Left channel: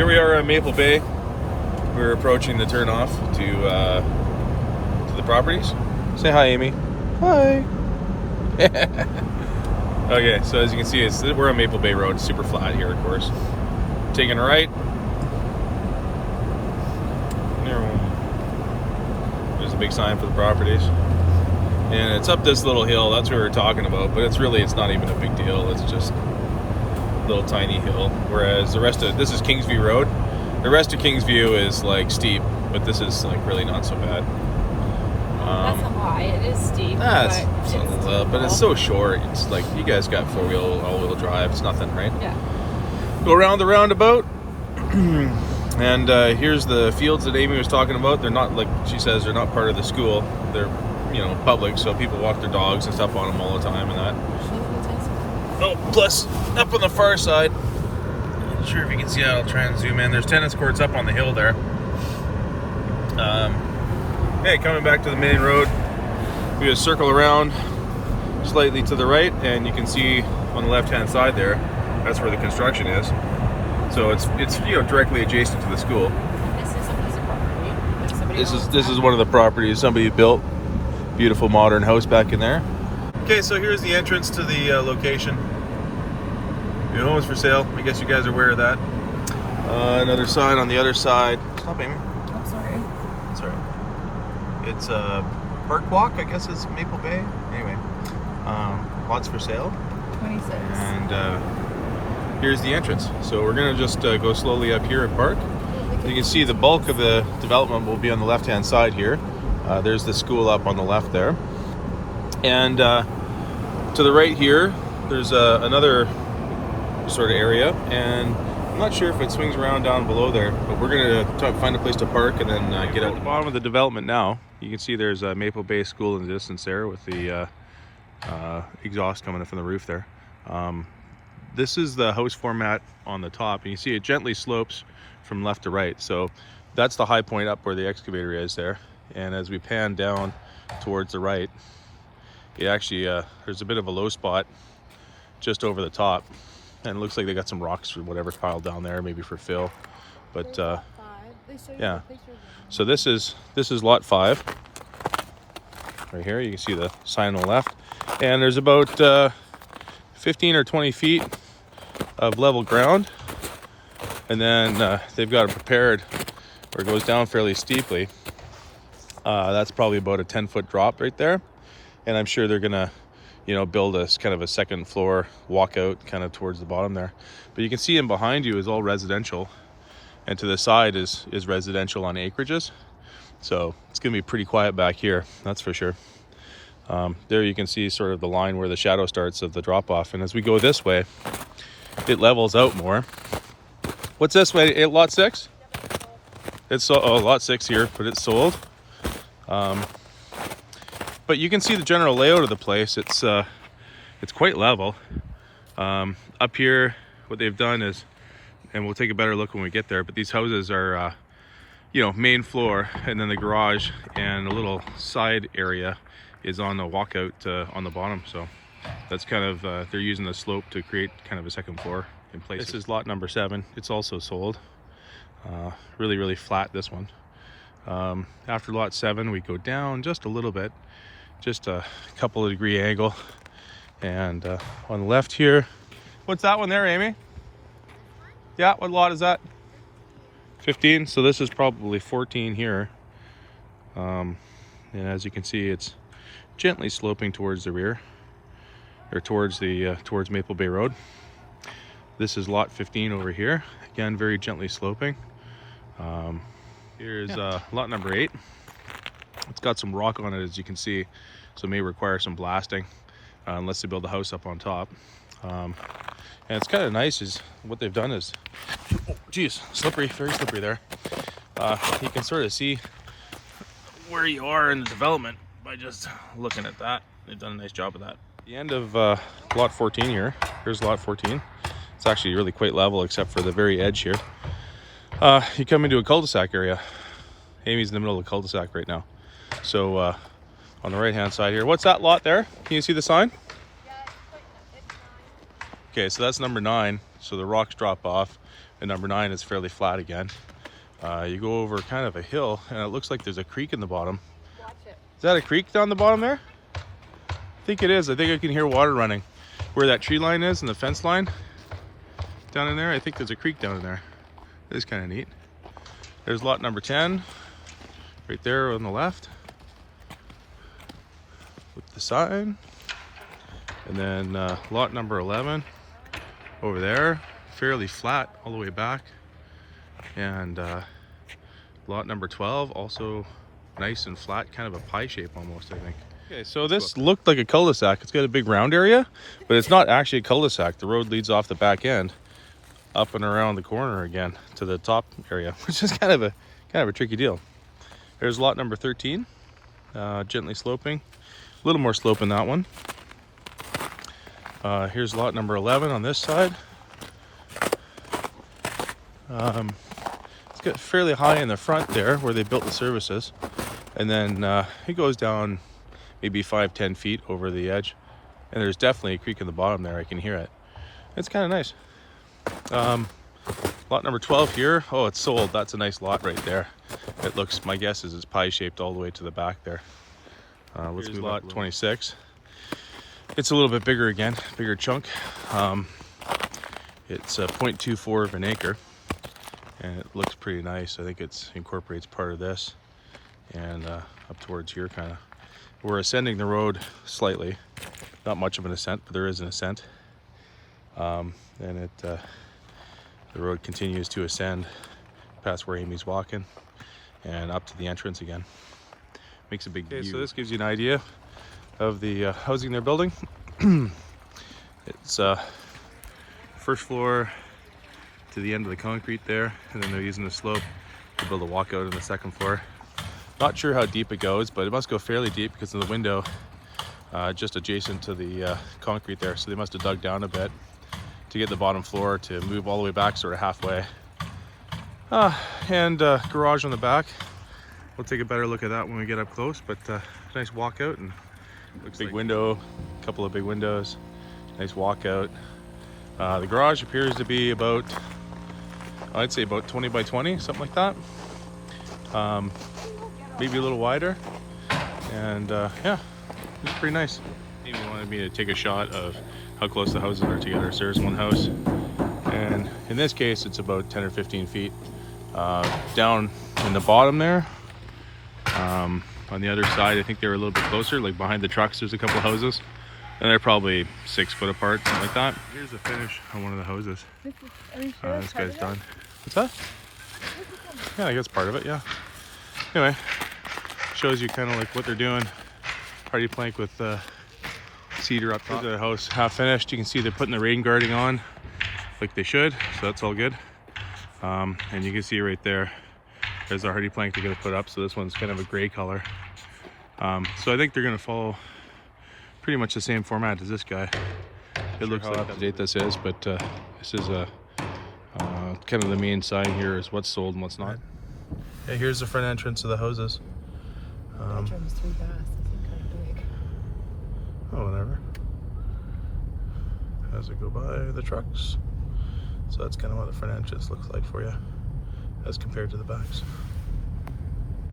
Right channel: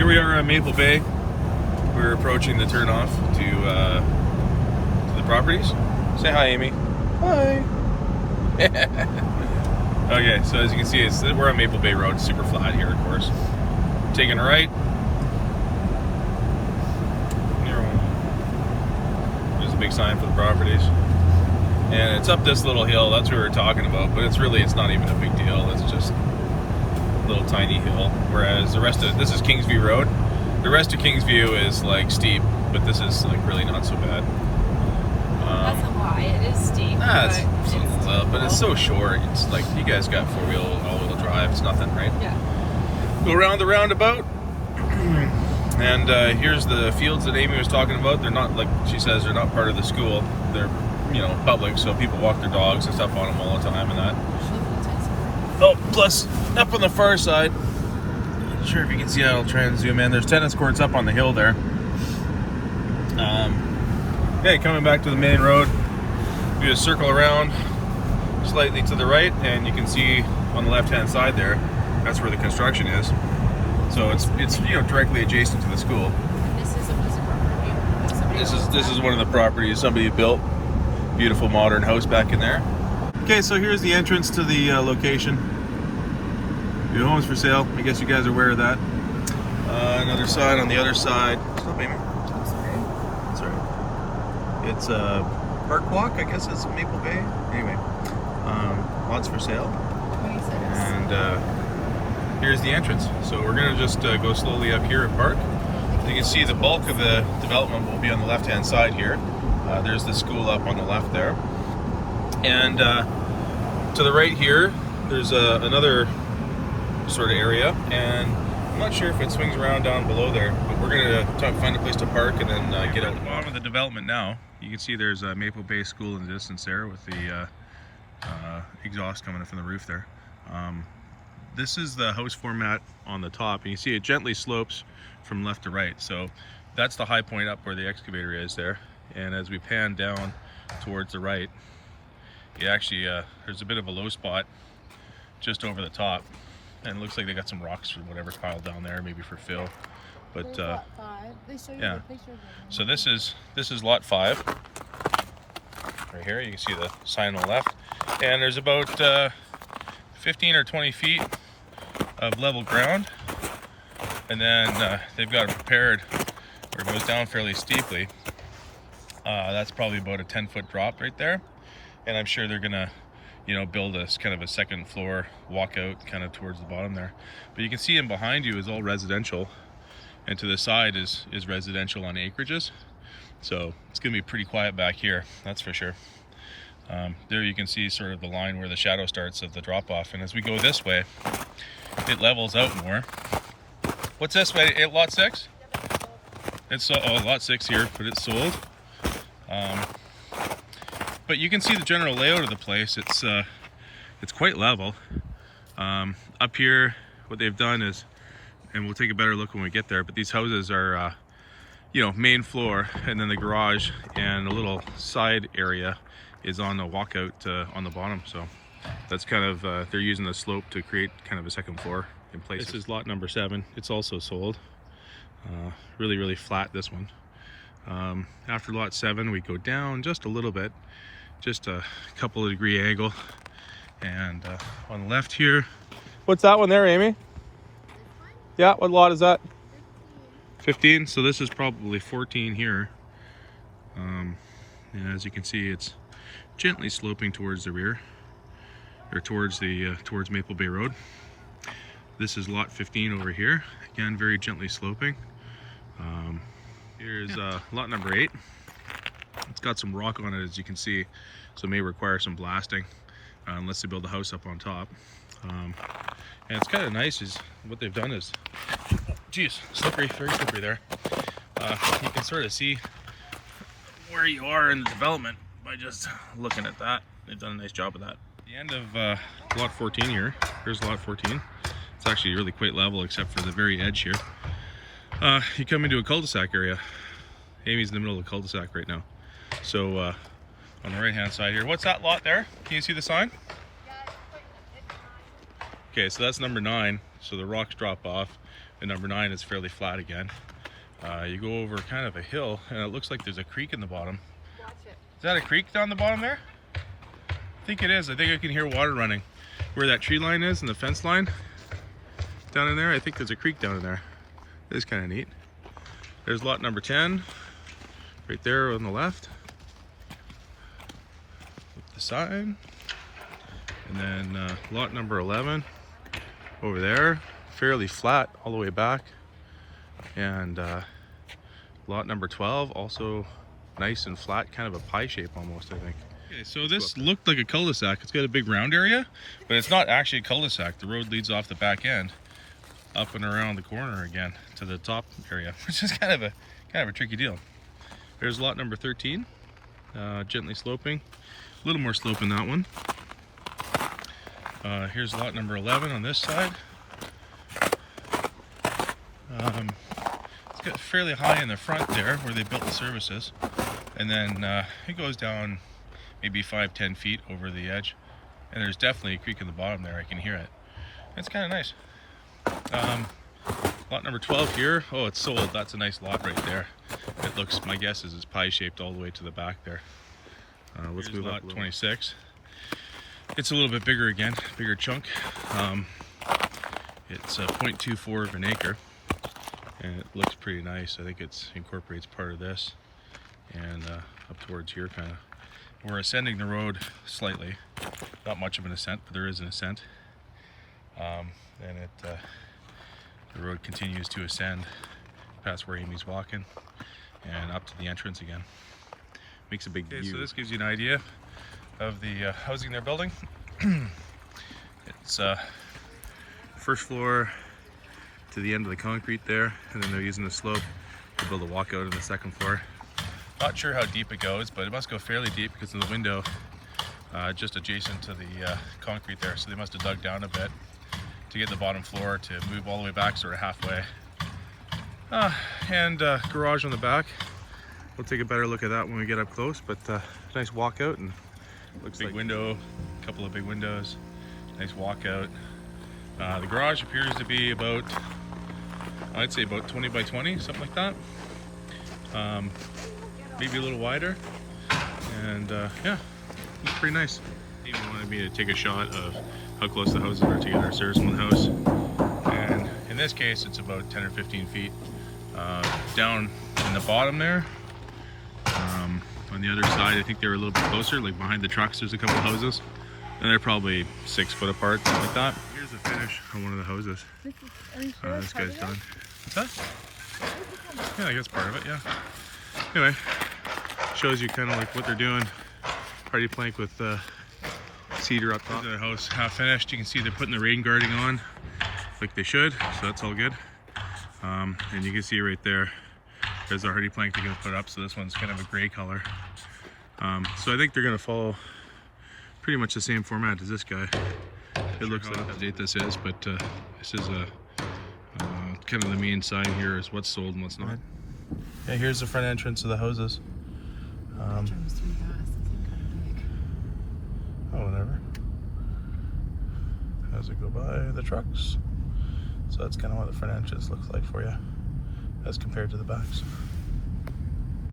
Here we are at Maple Bay. We're approaching the turnoff to the properties. Say hi, Amy. Hi. Okay, so as you can see, we're on Maple Bay Road. It's super flat here, of course. Taking a right. There's a big sign for the properties. And it's up this little hill. That's what we were talking about. But it's not even a big deal. It's just a little tiny hill. Whereas the rest of this is Kingsview Road. The rest of Kingsview is like steep, but this is like really not so bad. That's a lie. It is steep. But it's so short. It's like you guys got all-wheel drive. It's nothing, right? Yeah. Go around the roundabout, and here's the fields that Amy was talking about. They're not, like she says, they're not part of the school. They're, public, so people walk their dogs and stuff on them all the time and that. Oh, plus up on the far side. Not sure if you can see that. I'll try and zoom in. There's tennis courts up on the hill there. Okay, coming back to the main road, we just circle around slightly to the right, and you can see on the left-hand side there, that's where the construction is. So it's directly adjacent to the school. This is a piece of property. This is one of the properties somebody built. Beautiful modern house back in there. Okay, so here's the entrance to the location. Your home's for sale. I guess you guys are aware of that. Another sign on the other side. Stop, Amy. I'm sorry. Sorry. It's Park Walk, I guess is Maple Bay. Anyway, lots for sale. 26. And here's the entrance. So we're gonna just go slowly up here at Park. You can see the bulk of the development will be on the left-hand side here. There's the school up on the left there. And to the right here, there's another sort of area. And I'm not sure if it swings around down below there, but we're gonna find a place to park and then get out. At the bottom of the development now, you can see there's a Maple Bay School in the distance there with the exhaust coming up from the roof there. This is the house format on the top, and you see it gently slopes from left to right. So that's the high point up where the excavator is there. And as we pan down towards the right, it actually there's a bit of a low spot just over the top, and it looks like they got some rocks or whatever's piled down there, maybe for fill. But yeah, so this is lot 5 right here. You can see the sign on the left, and there's about 15 or 20 feet of level ground, and then they've got it prepared where it goes down fairly steeply. That's probably about a 10-foot drop right there, and I'm sure they're gonna build a kind of a second floor walkout kind of towards the bottom there. But you can see in behind you is all residential, and to the side is residential on acreages, so it's gonna be pretty quiet back here, that's for sure. There you can see sort of the line where the shadow starts of the drop off, and as we go this way it levels out more. What's this way? Lot 6? It's lot 6 here, but it's sold. But you can see the general layout of the place. It's quite level. Up here, what they've done is, and we'll take a better look when we get there, but these houses are, main floor, and then the garage and a little side area is on the walkout on the bottom. So that's kind of, they're using the slope to create kind of a second floor in place. This is lot number 7. It's also sold. Really, really flat, this one. After lot 7, we go down just a little bit, just a couple of degree angle, and on the left here, what's that one there, Amy? Yeah, what lot is that? 15. So this is probably 14 here, and as you can see, it's gently sloping towards the rear, or towards Maple Bay Road. This is lot 15 over here, again very gently sloping. Here's lot number 8. It's got some rock on it, as you can see, so it may require some blasting unless they build a house up on top. And it's kind of nice is what they've done is, geez, slippery, very slippery there. You can sort of see where you are in the development by just looking at that. They've done a nice job of that. The end of lot 14 here. Here's lot 14. It's actually really quite level except for the very edge here. You come into a cul-de-sac area. Amy's in the middle of the cul-de-sac right now. So on the right hand side here, what's that lot there? Can you see the sign? Okay, so that's number 9. So the rocks drop off. And number 9 is fairly flat again. You go over kind of a hill, and it looks like there's a creek in the bottom. Watch it. Is that a creek down the bottom there? I think it is. I think I can hear water running. Where that tree line is and the fence line down in there, I think there's a creek down in there. It is kind of neat. There's lot number 10 right there on the left with the sign. And then lot number 11 over there, fairly flat all the way back. And lot number 12, also nice and flat, kind of a pie shape almost, I think. Okay, so this looked like a cul-de-sac. It's got a big round area, but it's not actually a cul-de-sac. The road leads off the back end, up and around the corner again to the top area, which is kind of a tricky deal. There's lot number 13, gently sloping, a little more slope in that one. Here's lot number 11 on this side. It's got fairly high in the front there where they built the services, and then it goes down maybe 5-10 feet over the edge, and there's definitely a creek in the bottom there. I can hear it. It's kind of nice. Lot number 12 here. Oh, it's sold. That's a nice lot right there. It looks, my guess is it's pie shaped all the way to the back there. Let's move on. Lot 26. It's a little bit bigger again, bigger chunk. It's 0.24 of an acre, and it looks pretty nice. I think it incorporates part of this and up towards here kind of. We're ascending the road slightly, not much of an ascent, but there is an ascent. And the road continues to ascend past where Amy's walking and up to the entrance again. Makes a big view. So this gives you an idea of the housing they're building. It's first floor to the end of the concrete there, and then they're using the slope to build a walkout on the second floor. Not sure how deep it goes, but it must go fairly deep because of the window just adjacent to the concrete there. So they must have dug down a bit to get the bottom floor to move all the way back sort of halfway. And garage on the back. We'll take a better look at that when we get up close, but nice walkout, and looks big like window, a couple of big windows, nice walkout. The garage appears to be about, I'd say about 20 by 20, something like that. Maybe a little wider, and yeah, it's pretty nice. Amy wanted me to take a shot of how close the houses are together. So there's one house, and in this case it's about 10 or 15 feet down in the bottom there. On the other side, I think they were a little bit closer, like behind the trucks there's a couple houses, and they're probably 6 foot apart, something like that. Here's the finish on one of the houses. This guy's done. What's that? Yeah, I guess part of it, yeah. Anyway, shows you kind of like what they're doing. Hardy plank with cedar up top. Their house half finished. You can see they're putting the rain guarding on like they should, so that's all good. And you can see right there, there's a hardy plank they're going to put up. So this one's kind of a gray color. So I think they're going to follow pretty much the same format as this guy. It looks like up to date this is, but this is a kind of the main sign here is what's sold and what's not. Yeah, here's the front entrance of the houses. That drove too fast. It's not kind of big. Oh, whatever. As we go by the trucks. So that's kind of what the front entrance looks like for you as compared to the backs.